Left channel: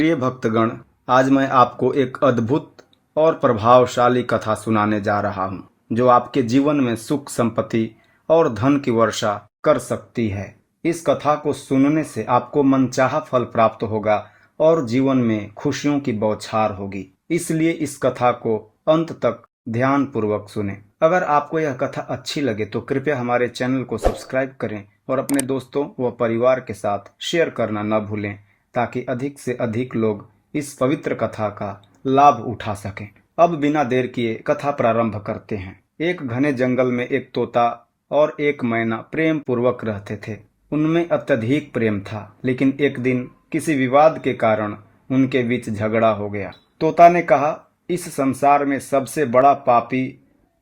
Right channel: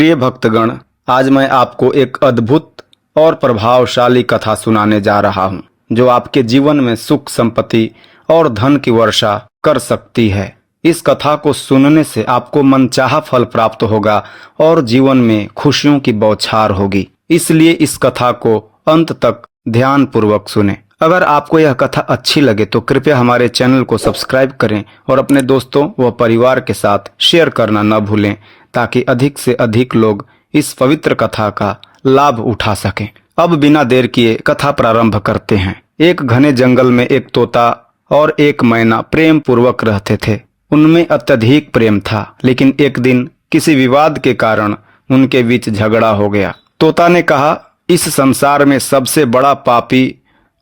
प्रिय भक्तगण, आज मैं आपको एक अद्भुत और प्रभावशाली कथा सुनाने जा रहा हूँ जो आपके जीवन में सुख, संपत्ति और धन की वर्षा कर सकती है। इस कथा को सुनने से आपको मनचाहा फल प्राप्त होगा और जीवन में खुशियों की बौछार होगी। इसलिए इस कथा को अंत तक ध्यान पूर्वक सुने। अगर आपको यह कथा अच्छी लगे तो कृपया हमारे चैनल को सब्सक्राइब करें और अपने दोस्तों व परिवार के साथ शेयर करना न भूलें, ताकि अधिक से अधिक लोग इस पवित्र कथा का लाभ उठा सकें। अब बिना देर किए कथा प्रारंभ करते हैं। एक घने जंगल में एक तोता और एक मैना प्रेम पूर्वक रहते थे। उनमें अत्यधिक प्रेम था, लेकिन एक दिन किसी विवाद के कारण उनके बीच झगड़ा हो गया। तोता ने कहा, इस संसार में सबसे बड़ा पापी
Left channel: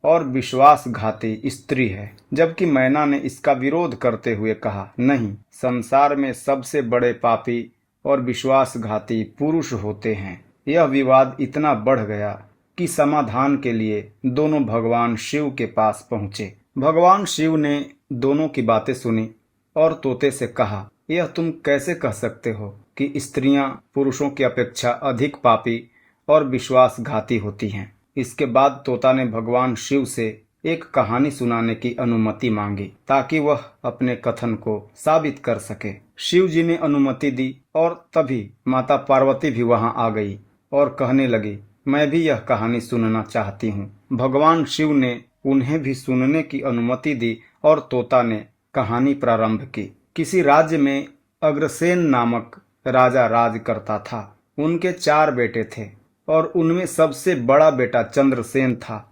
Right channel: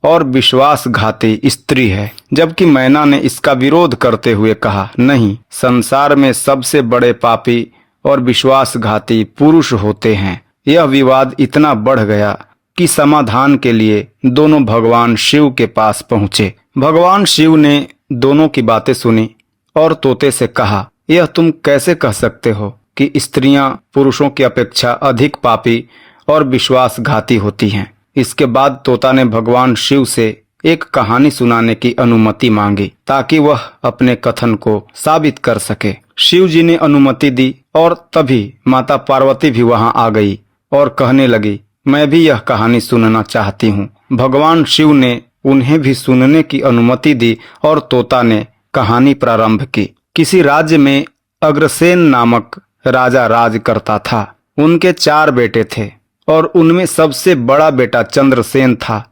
और विश्वासघाती स्त्री है, जबकि मैना ने इसका विरोध करते हुए कहा, नहीं, संसार में सबसे बड़े पापी और विश्वासघाती पुरुष होते हैं। यह विवाद इतना बढ़ गया कि समाधान के लिए दोनों भगवान शिव के पास पहुंचे। भगवान शिव ने दोनों की बातें सुनी और तोते से कहा, यह तुम कैसे कह सकते हो कि स्त्रियां पुरुषों की अपेक्षा अधिक पापी और विश्वासघाती होती हैं। इसके बाद तोता ने भगवान शिव से एक कहानी सुनाने की अनुमति मांगी, ताकि वह अपने कथन को साबित कर सके। शिव जी ने अनुमति दी और तभी माता पार्वती भी वहां आ गई और कहने लगी, मैं भी यह कहानी सुनना चाहती हूँ। भगवान शिव ने उन्हें भी सुनने की अनुमति दी और तोता ने कहानी प्रारंभ की। किसी राज्य में अग्रसेन नामक राजा राज करता था। उनके 4 बेटे थे और उनमें सबसे बड़ा बेटा चंद्रसेन था,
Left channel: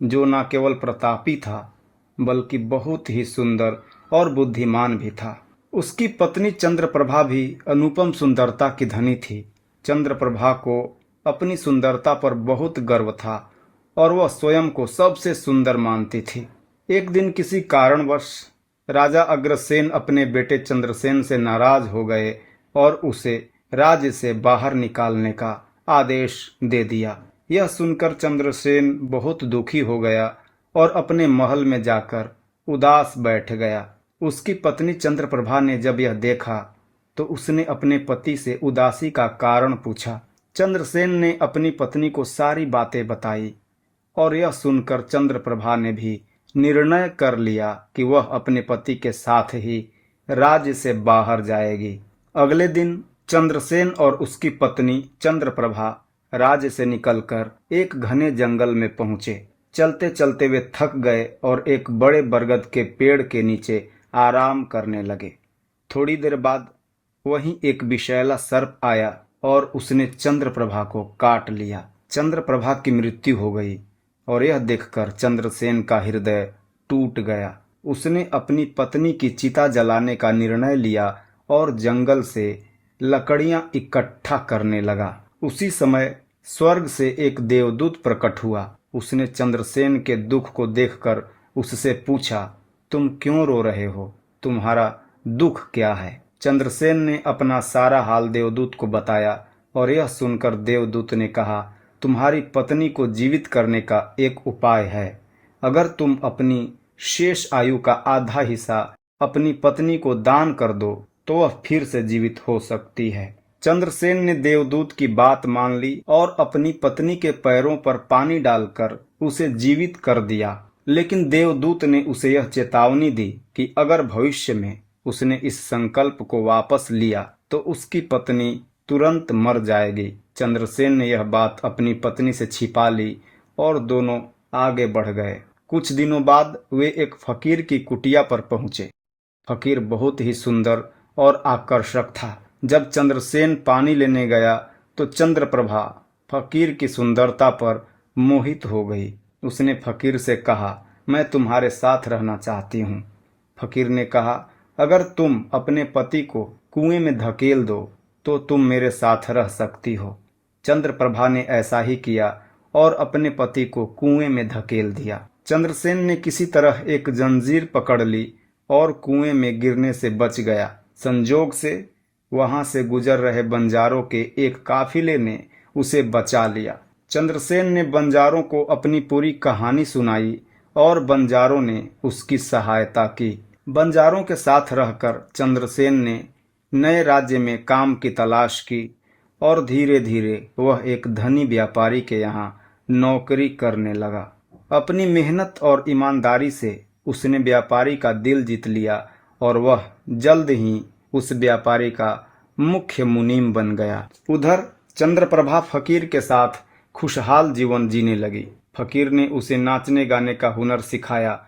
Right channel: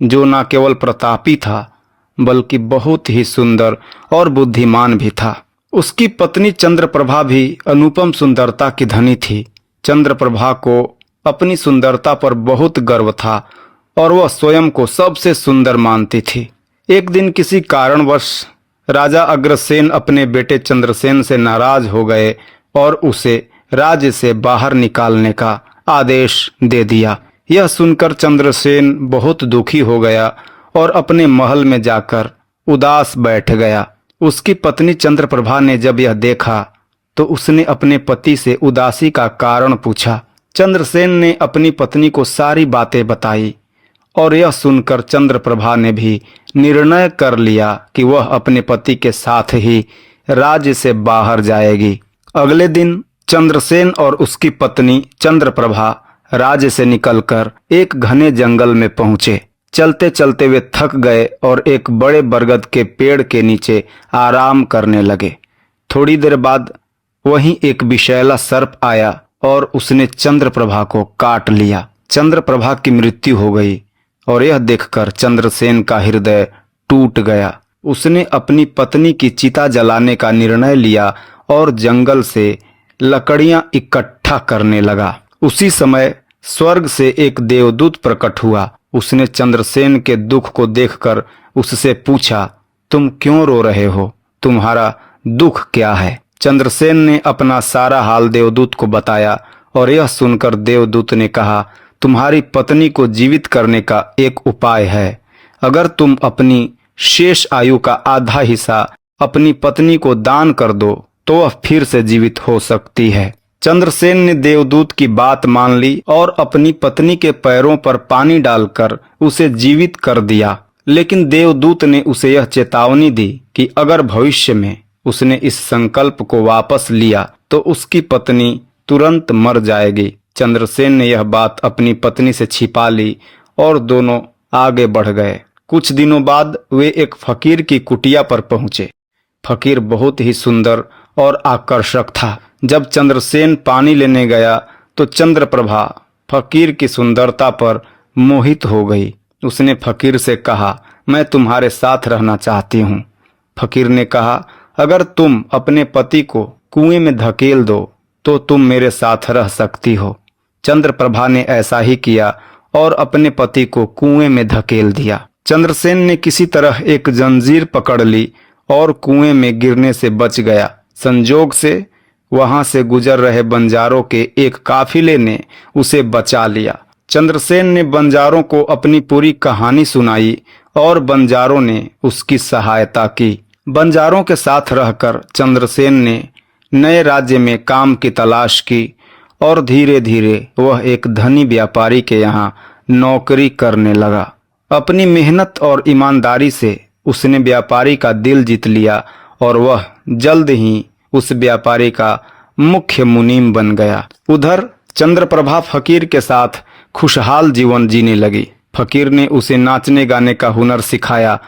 जो न केवल प्रतापी था बल्कि बहुत ही सुंदर और बुद्धिमान भी था। उसकी पत्नी चंद्रप्रभा भी अनुपम सुंदरता की धनी थी। चंद्रप्रभा को अपनी सुंदरता पर बहुत गर्व था और वह स्वयं को सबसे सुंदर मानती थी। एक दिन किसी कारणवश राजा अग्रसेन अपने बेटे चंद्रसेन से नाराज हो गए और उसे राज्य से बाहर निकालने का आदेश दे दिया। यह सुनकर चंद्रसेन बहुत दुखी हो गया और अपने महल में जाकर उदास बैठ गया। उसकी पत्नी चंद्रप्रभा ने जब यह देखा तो उसने अपने पति से उदासी का कारण पूछा। चंद्रसेन ने अपनी पत्नी को सारी बातें बताई और यह सुनकर चंद्रप्रभा ने भी निर्णय कर लिया कि वह अपने पति के साथ ही राज्य से बाहर जाएगी। अगले दिन चंद्रसेन और उसकी पत्नी चंद्रप्रभा राज्य से निकलकर एक घने जंगल में पहुंचे। चलते चलते वे थक गए और एक बड़े बरगद के पेड़ के नीचे आराम करने लगे। थोड़ी देर बाद वहीं एक विषैला सर्प आया और उसने चंद्रप्रभा को काट लिया। चंद्रप्रभा की मृत्यु हो गई और यह देखकर चंद्रसेन का हृदय टूट गया। उसने अपनी पत्नी की चिता जलाने का निर्णय लिया और जंगल से लकड़ियां इकट्ठा करने लगा। उसी समय स्वर्ग से एक देवदूत प्रकट हुआ। उसने चंद्रसेन के दुख को देखकर उससे पूछा, तुम क्यों रो रहे हो? तुम्हारा दुख क्या है? चंद्रसेन ने अपना सारा हाल देवदूत को बताया और यह सुनकर देवदूत ने कहा, तुम्हारी पत्नी को जीवित करने का एक उपाय है। अगर तुम अपनी शेष आयु का आधा हिस्सा अपनी पत्नी को दान कर दो तो वह फिर से जीवित हो सकती है। चंद्रसेन ने देवदूत की बात मान ली और अपनी पत्नी के पैरों पर पानी डालकर उसे जीवित कर दिया। लेकिन देवदूत ने उसे यह चेतावनी दी कि अगर भविष्य में उसने इस संकल्प को वापस लिया तो उसकी पत्नी तुरंत मर जाएगी। चंद्रसेन ने यह बात अपनी पत्नी से छिपा ली और दोनों आगे बढ़ गए। कुछ दिनों बाद वे एक फकीर की कुटिया पर पहुंचे। फकीर बहुत ही सुंदर और आकर्षक था। जब चंद्रसेन पानी लेने गया तो चंद्रप्रभा फकीर की सुंदरता पर मोहित हो गई। उसने फकीर से कहा, मैं तुम्हारे साथ रहना चाहती हूँ। फकीर ने कहा, अगर तुम अपने पति को कुएं में धकेल दो तो तुम मेरे साथ रह सकती हो। चंद्रप्रभा ने ऐसा ही किया और अपने पति को कुएं में धकेल दिया। चंद्रसेन ने किसी तरह एक जंजीर पकड़ ली और कुएं में गिरने से बच गया। संजोग से वहां से गुजर रहे बंजारों के एक काफिले ने उसे बचा लिया। चंद्रसेन ने बंजारों को अपनी पूरी कहानी सुनाई और बंजारों ने उसकी सहायता की। बंजारों के साथ रहकर चंद्रसेन ने नए राज्य में काम की तलाश की और धीरे धीरे वह एक धनी व्यापारी के यहाँ नौकरी करने लगा। अपनी मेहनत और ईमानदारी से उसने व्यापारी का दिल जीत लिया और वह जल्द ही उस व्यापारी का मुख्य मुनीम बन गया। उधर चंद्रप्रभा फकीर के साथ खुशहाल जीवन जीने लगी। फकीर ने उसे नाचने गाने का हुनर सिखाया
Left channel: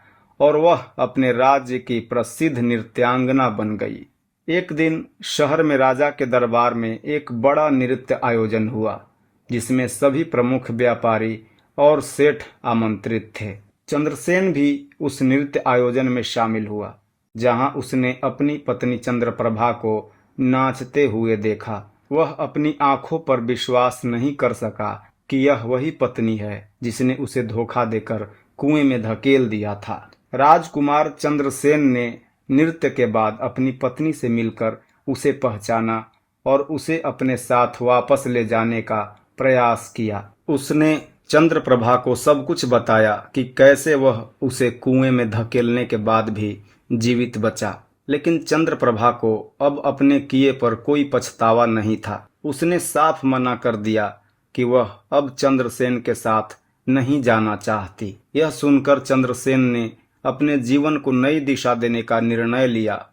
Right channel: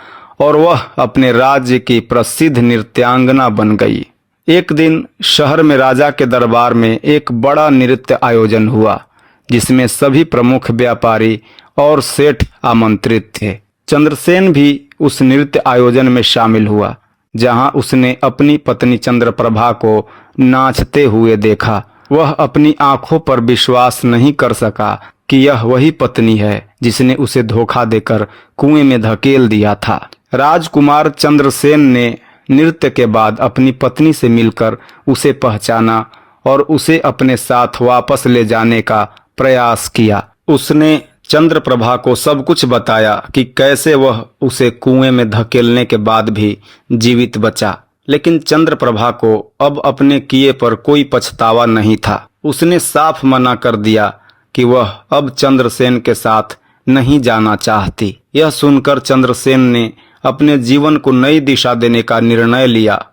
और वह अपने राज्य की प्रसिद्ध नृत्यांगना बन गई। एक दिन शहर में राजा के दरबार में एक बड़ा नृत्य आयोजन हुआ, जिसमें सभी प्रमुख व्यापारी और सेठ आमंत्रित थे। चंद्रसेन भी उस नृत्य आयोजन में शामिल हुआ, जहां उसने अपनी पत्नी चंद्रप्रभा को नाचते हुए देखा। वह अपनी आंखों पर विश्वास नहीं कर सका कि यह वही पत्नी है जिसने उसे धोखा देकर कुएं में धकेल दिया था। राजकुमार चंद्रसेन ने नृत्य के बाद अपनी पत्नी से मिलकर उसे पहचाना और उसे अपने साथ वापस ले जाने का प्रयास किया। उसने चंद्रप्रभा को सब कुछ बताया कि कैसे वह उसे कुएं में धकेलने के बाद भी जीवित बचा। लेकिन चंद्रप्रभा को अब अपने किए पर कोई पछतावा नहीं था। उसने साफ मना कर दिया कि वह अब चंद्रसेन के साथ नहीं जाना चाहती। यह सुनकर चंद्रसेन ने अपने जीवन को नई दिशा देने का निर्णय लिया।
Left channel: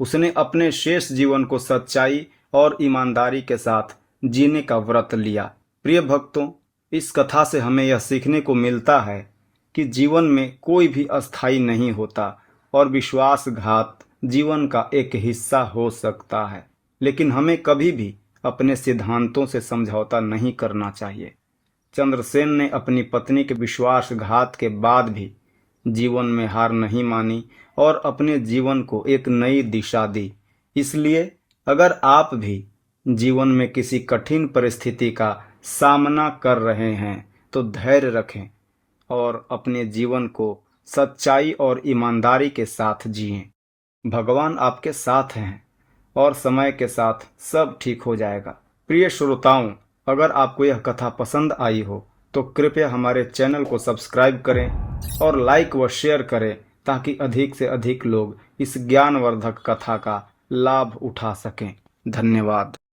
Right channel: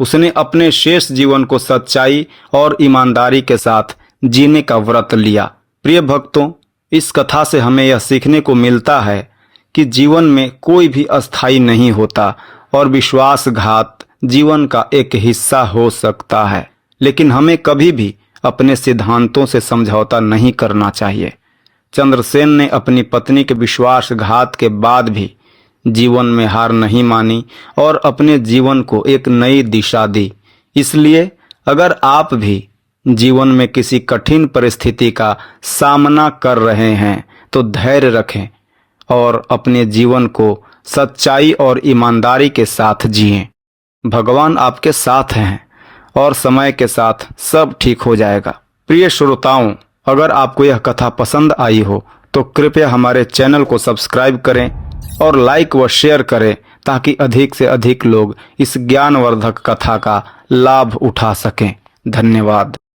उसने अपने शेष जीवन को सच्चाई और ईमानदारी के साथ जीने का व्रत लिया। प्रिय भक्तों, इस कथा से हमें यह सीखने को मिलता है कि जीवन में कोई भी अस्थायी नहीं होता और विश्वासघात जीवन का एक हिस्सा हो सकता है, लेकिन हमें कभी भी अपने सिद्धांतों से समझौता नहीं करना चाहिए। चंद्रसेन ने अपनी पत्नी के विश्वासघात के बाद भी जीवन में हार नहीं मानी और अपने जीवन को एक नई दिशा दी। इसलिए अगर आप भी जीवन में किसी कठिन परिस्थिति का सामना कर रहे हैं तो धैर्य रखें और अपने जीवन को सच्चाई और ईमानदारी के साथ जिएं। भगवान आपके साथ हैं और समय के साथ सब ठीक हो जाएगा। प्रिय श्रोताओं, अगर आपको यह कथा पसंद आई हो तो कृपया हमारे चैनल को सब्सक्राइब करें और लाइक व शेयर करें, ताकि अधिक से अधिक लोग इस ज्ञानवर्धक कथा का लाभ उठा सकें। धन्यवाद।